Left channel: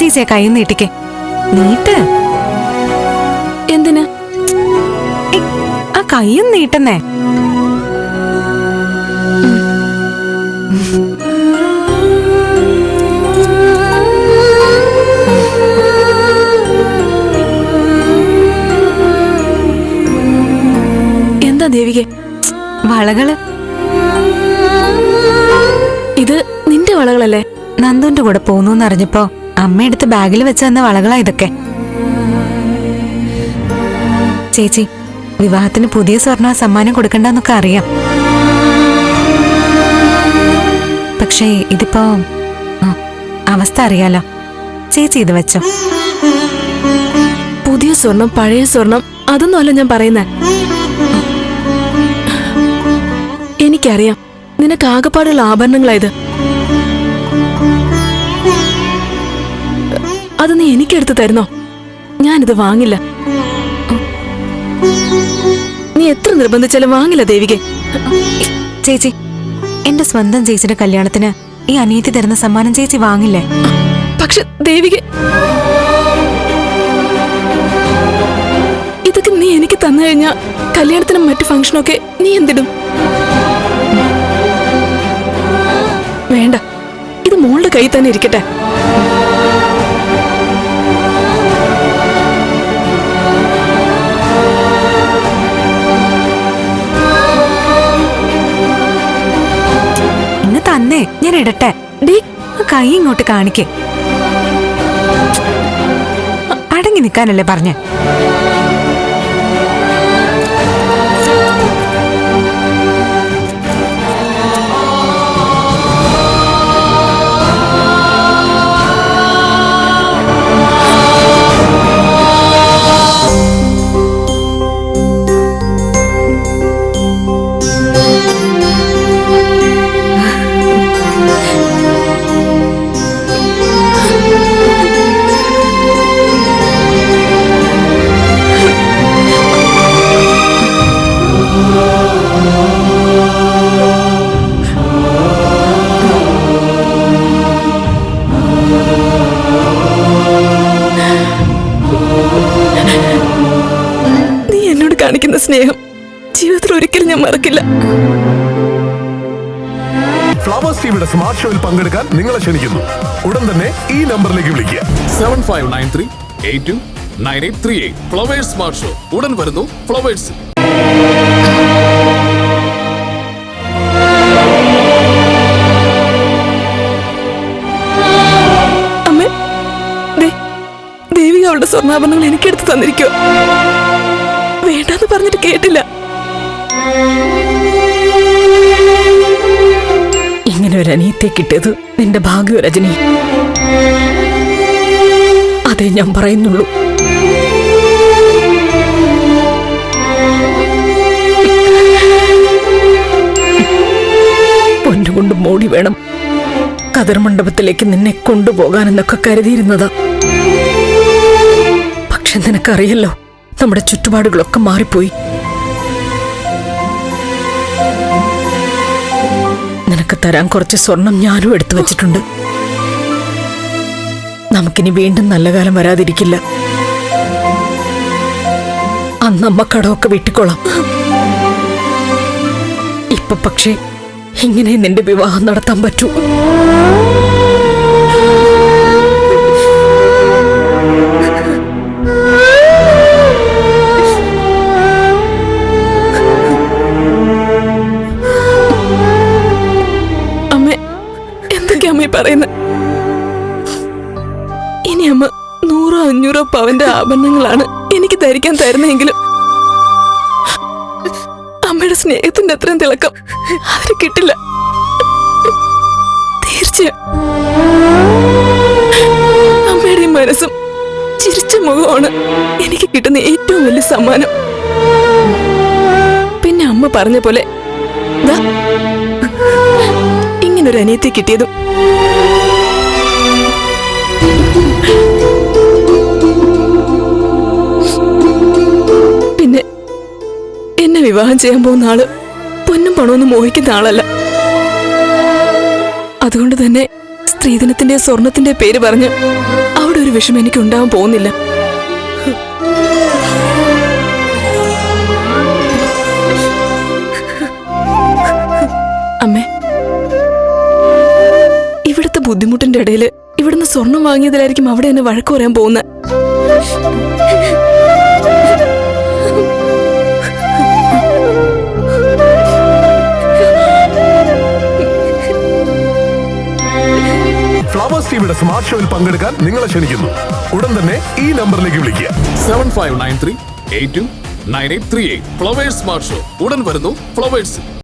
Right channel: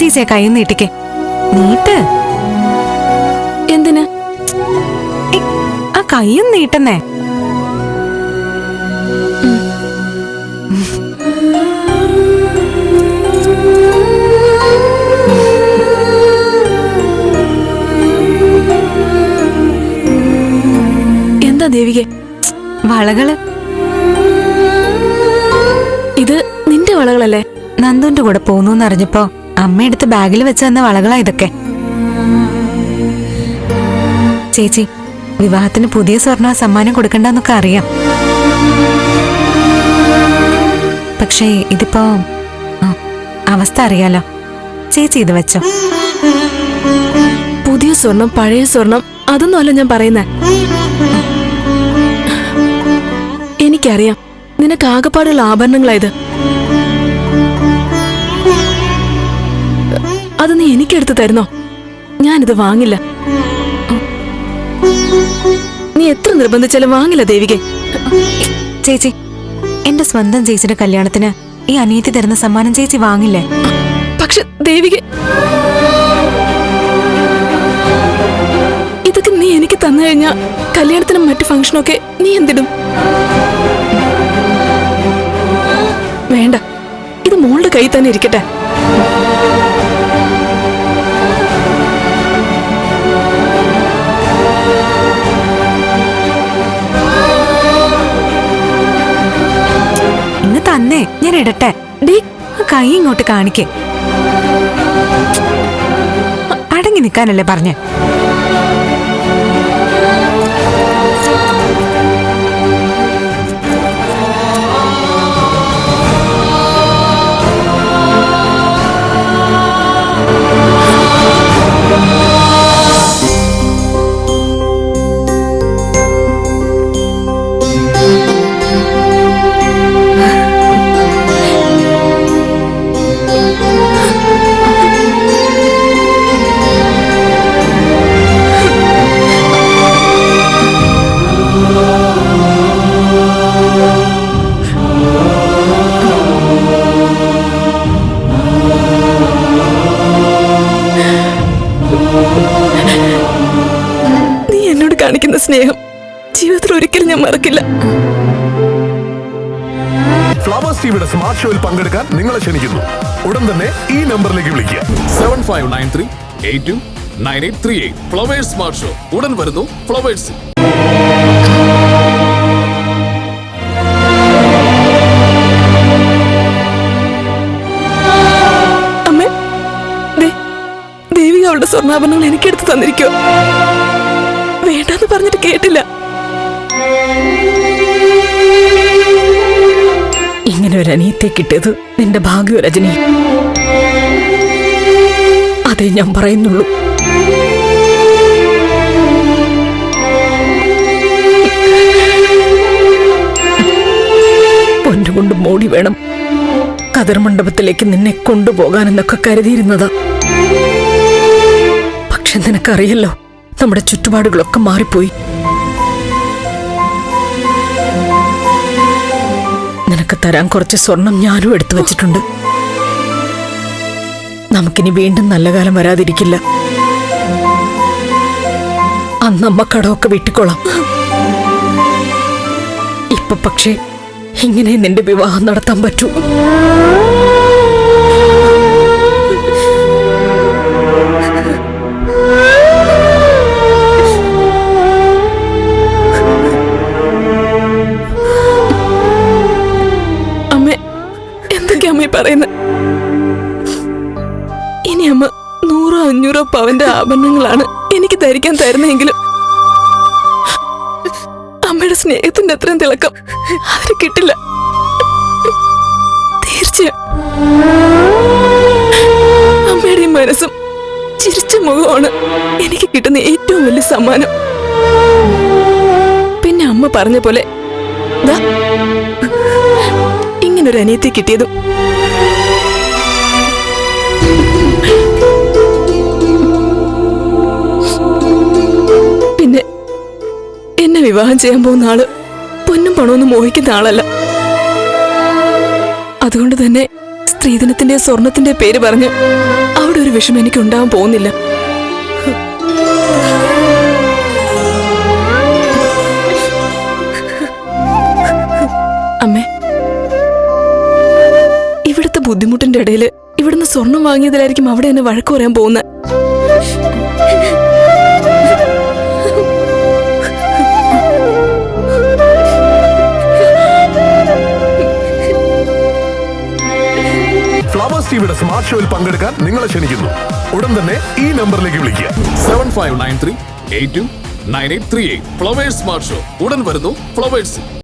ചേച്ചിയെ കൈ നീട്ടിക്കേ. നീട്ട്. എന്തിനാ? ആ കൈയും നീട്ടുന്നേ. എന്താ ദേവികെ? വളകള്. ഇത് നിന്റെ വളകളല്ലേ? നന്ദുന്റെ കൂടെ പോന്നു അറിഞ്ഞപ്പോ അമ്മയെടുത്ത് ബാഗിൽ വെച്ച് തന്ന വളകളാ ഇതൊക്കെ. ചേച്ചി, വിവാഹത്തിന് പുതിയ സ്വർണ്ണ സമ്മാനം കൊടുക്കണ്ടെന്നൊക്കെ അറിയാം. പക്ഷേ ഇതിപ്പോ അവസ്ഥ അറിയാലോ. ചേച്ചി ഇത് വെച്ചോ. പുതിയ സ്വർണം പഴയ സ്വർണം അതൊന്നുമല്ല ഞാൻ പറയുന്നേ. എനിക്കറിയാം നിനക്ക് ആകെപ്പാടുള്ള ആഭരണങ്ങളായത്. അത് നീ എനിക്കെടുത്ത് തരുന്നോ? ഞാനിത് വാങ്ങില്ല. നീ എത്ര നിർബന്ധിച്ചാലും വാങ്ങില്ല ദേവികെ. ചേച്ചി, എന്റെ സ്വന്തം ചേച്ചിയുടെ കല്യാണത്തിന് ഈ അനിയത്തി തരുന്ന സമ്മാനം ചേച്ചി വാങ്ങില്ലേ? പക്ഷെ ദേവികെ, ഇതൊക്കെ നീ എനിക്ക് തന്നു കഴിഞ്ഞാ കല്യാണത്തിനും മറ്റു ഫംഗ്ഷനൊക്കെ നീ എന്തിടും? വേണ്ട, ഇത് മോളുടെ കയ്യിൽ തന്നെ ഇരിക്കട്ടെ. ഇന്ന് തന്നെ ഞാൻ ഇടട്ടെ. ഡീ, കൈ ഇങ്ങോട്ട് കാണിക്കേ. അടങ്ങി നിൽക്കാനല്ലേ പറഞ്ഞേ? നീ എന്നോട് കാണിക്കുന്ന സ്നേഹം ജീവിതത്തിൽ ഒരിക്കലും ഞാൻ മറക്കില്ല. ഫ്ലവേഴ്സ് ടിവിയുടെ സ്മാർട്ട് ഷോയിൽ പങ്കെടുക്കാൻ നിങ്ങളെ ക്ഷണിക്കുന്നു. ഉടൻ തന്നെ ഈ നമ്പറിലേക്ക് വിളിക്കുക. 7593829838. ഫ്ലവേഴ്സ് സ്മാർട്ട് ഷോ ഉടൻ വരുന്നു ഫ്ലവേഴ്സ്. അമ്മേ, ദേവിക അവളുടെ സ്വർണ്ണാഭരണങ്ങൾ എനിക്കെടുത്ത് തന്നിരിക്കോ? വേണ്ടെന്ന് പറഞ്ഞിട്ട് കേട്ടില്ല. ഇങ്ങനെ ഒരു അനിയത്തെ കിട്ടിയത് നിന്റെ ഭാഗ്യ രജനി. അതേ ഞാൻ പറയുന്നുള്ളൂ. പൊന്നുകൊണ്ട് മോടി വേണം കതിർ മണ്ഡപത്തിലേക്ക് നിന്നെ കൊണ്ടുപോകാനെന്നൊക്കെ കരുതിയിരുന്നതാ. പക്ഷെ നിനക്കറിയല്ലോ, നമ്മുടെ ചുറ്റുപാടുകളൊക്കെ മാറിപ്പോയി. നിനക്ക് തരാൻ കുറച്ച് സ്വർണം ഞാനും എടുത്തു വച്ചിട്ടുണ്ട്. നമുക്കിനി വീണ്ടും നല്ല കാലം വരാതിരിക്കില്ല. അന്നമ്മ കടമൊക്കെ വീട്ടിക്കോളാം. ഇപ്പൊ പക്ഷേ ഇങ്ങനെ നിന്റെ വിവാഹം നടത്താൻ പറ്റൂ. അമ്മ പറയുന്നത്? ഇനി അമ്മ 100-500 പവന്റെ ആഭരണങ്ങളാണ് എനിക്ക് ധരിക്കാൻ തരുന്നെങ്കിലും അമ്മയുടെ സ്നേഹത്തിന്റെ അത്രയും തിളക്കം അതിന് കിട്ടില്ല. തീർച്ചയായും അമ്മയുടെ മനസ്സും ചിരിച്ച മുഖമാണ് എനിക്ക് കിട്ടുന്ന ഏറ്റവും വലിയ സമ്മാനം. പിന്നെ അമ്മ പറഞ്ഞ പോലെ ഇങ്ങനൊരു അനിയത്തി കിട്ടിയതും പിന്നെ എന്നെ വിവാഹം ചെയ്യാൻ പോകുന്ന ആള് പൊന്നും പണമൊന്നും മോഹിക്കുന്ന ആളല്ല. അതുകൊണ്ട് തന്നെ സ്ത്രീധനത്തിന്റെ സ്വർണത്തിന്റെ പേര് പറഞ്ഞ് അവൾ അവിടെ ഒരു വിഷമം എനിക്ക് ഉണ്ടാവാൻ പോകുന്നില്ല. അമ്മേ, ഇവിടുത്തെ ബുദ്ധിമുട്ടിന്റെ ഇടയിൽ ഇവിടുന്ന് സ്വർണം വാങ്ങിയതിലായിരിക്കും അവിടെ എന്നെ വഴക്ക് പറയാൻ പോകുന്നത്. ഫ്ലവേഴ്സ് ടിവിയുടെ സ്മാർട്ട് ഷോയിൽ പങ്കെടുക്കാൻ നിങ്ങളെ ക്ഷണിക്കുന്നു. ഉടൻ തന്നെ ഈ നമ്പറിലേക്ക് വിളിക്കുക. 7593829838. ഫ്ലവേഴ്സ് സ്മാർട്ട് ഷോ ഉടൻ വരുന്നു ഫ്ലവേഴ്സ്.